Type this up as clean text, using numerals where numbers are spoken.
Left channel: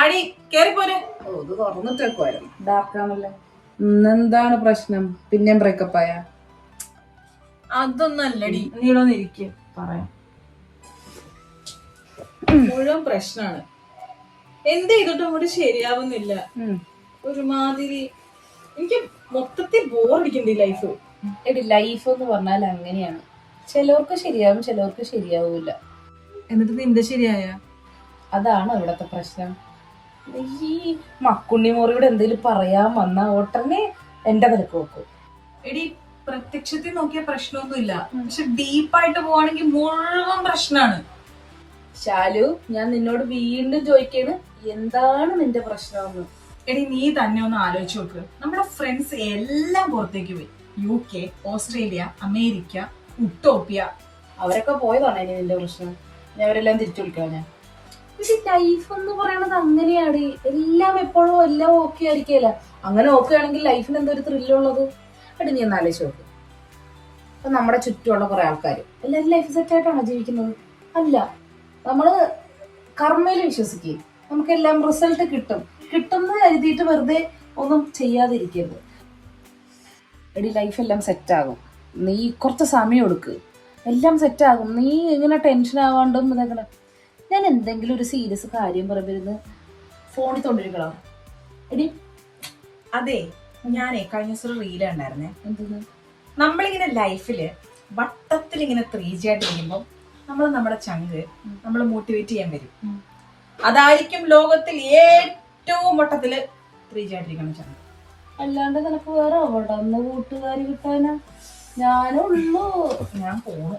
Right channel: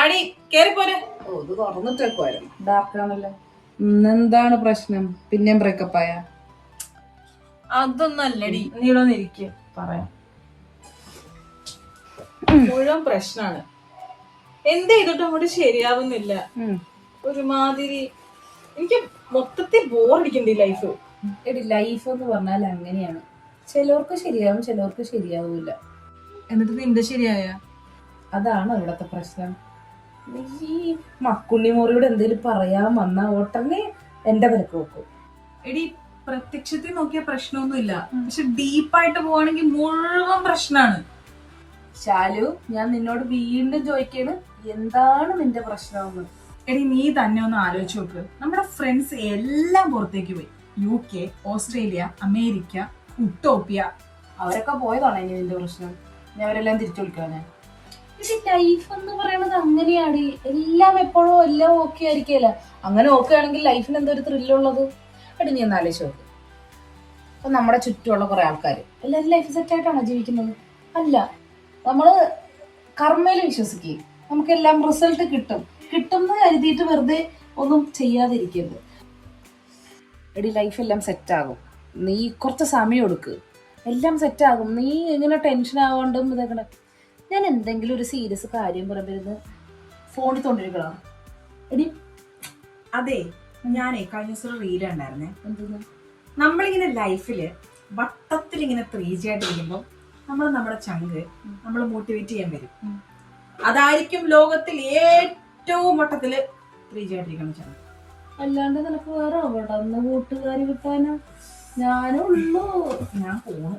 അടി കേറിപ്പോരെ. ഓ ഇത് തുറന്നിട്ടേക്കുമായിരുന്നു. ഡാർക്കാണല്ലേ. എന്താണ് പ്രശ്നം? പിന്നെയും ബ്രേക്കപ്പ് ആയ? അതൊന്നും അല്ലടി, നീളൊന്നിരിക്കുക പറയാം. മുഴുവൻ പ്രശ്നമാണ്. എന്ത് ചെയ്തിട്ടും അങ്ങോട്ട് ശരിയാവുന്നില്ല. ഒരുമാതിരി എനിക്ക് മൊത്തത്തിൽ ബോറടിക്കണ്ട ലൈഫ്. എടി ലൈഫ് എന്ന് പറഞ്ഞാൽ അങ്ങനെയാണ്. ചിലവർക്ക് ശരിയാവും, ചിലവർക്ക് ശരിയാവൂല. എന്നിട്ട് നിന്റെ ശരിയായ? അതാണ് ഇവിടത്തെ പ്രശ്നം. ഈ മക്കുണ്ണി മോറിയോട് എന്തെങ്കിലും പറയാൻ വന്ന ഉടനെ എന്റെ തലക്ക് വെക്കും. എടി പ്രത്യക്ഷത്തിൽ നോക്കിയ പ്രശ്നമൊന്നുമില്ല, പക്ഷെ ഡീപ്പായിട്ട് പോവാണെങ്കിൽ മുഴുവൻ പ്രശ്നമാണ്. ശാലു, ഞാൻ നിന്നോട് വീണ്ടും ചോദിക്കാണ്, എന്താണ് നിന്റെ പ്രശ്നമെന്ന്. എടി നീ തന്നെ ഒന്ന് ആലോചിച്ച് നോക്ക്. നമ്മുടെ ഫ്രണ്ട്സ് എല്ലാം പുറത്തേക്ക് പോയി. UK, Australia, America, Utopia. അവരൊക്കെ പോയതാണ് ഇനി നിന്റെ പ്രശ്നം. ഞാൻ അവരെല്ലാം തിരിച്ചു വിളിക്കണം. ഞാൻ ലൈഫ് എന്ന് പറയണത് അങ്ങനെയാണ്. എല്ലാം എപ്പോഴും എല്ലാം ഓക്കെ ആയിരിക്കല. അങ്ങനെ ഓക്കെ ആണെങ്കിൽ ലൈഫിന് എന്തൊരു ത്രില്ലുള്ളത്. എടി നീ ഒന്ന് ആലോചിച്ച് നോക്ക്. അപ്പൊ നമ്മുടെ ചുറ്റുമുള്ള കുറെ ആൾക്കാർ എല്ലാവരും ലൈഫ് സെറ്റ് ആയിട്ടാണോ ജീവിക്കുന്നത്? അല്ല. നമ്മള് കർമ്മയിൽ വിശ്വസിക്കുകയും നമുക്കെല്ലാം റിസൾട്ട് കിട്ടും എന്ന് കരുതിയിട്ട് വെറുതെ ഒന്നും ചെയ്യാതിരിക്കരുത്. എടി ലൈഫ് എല്ലാം സെറ്റ് ആകും. നീ കുറച്ച് സമയം എടുക്ക്, എല്ലാം സെറ്റ് ആകും. നീ ഇങ്ങനെ ടെൻഷൻ ആവാണ്ടും ഇതാക്കണ. ഞാൻ എന്തെങ്കിലും ഒരു സീരിയസ് കാര്യം പറയുമ്പോ ഫോണിൽ തോണ്ടിരിക്കണം. എടി അതെ, ഞാനേ കഴിഞ്ഞ ദിവസം റീൽ ഉണ്ടായിരുന്നേ. നമ്മളിങ്ങനെ ലൈഫില് വട്ടത്തിൽ ഇങ്ങനെ 3G ആയിട്ടിരിക്കുമ്പോ നമ്മുടെ ചങ്ക് നമ്മളെ മോട്ടിവേറ്റ് ചെയ്യാൻ വരും. അതായിരിക്കും ലോകത്തിൽ ഏറ്റവും വട്ടത്തില് 3G ആയിട്ടിരിക്കണം ചങ്ക്. അല്ലാണ്ട് നിനക്ക് വേറെ അവിടെ കൂട്ടുകാരി കിട്ടാനാ? ഞാനുള്ളൂ. ഞാൻ പോണു.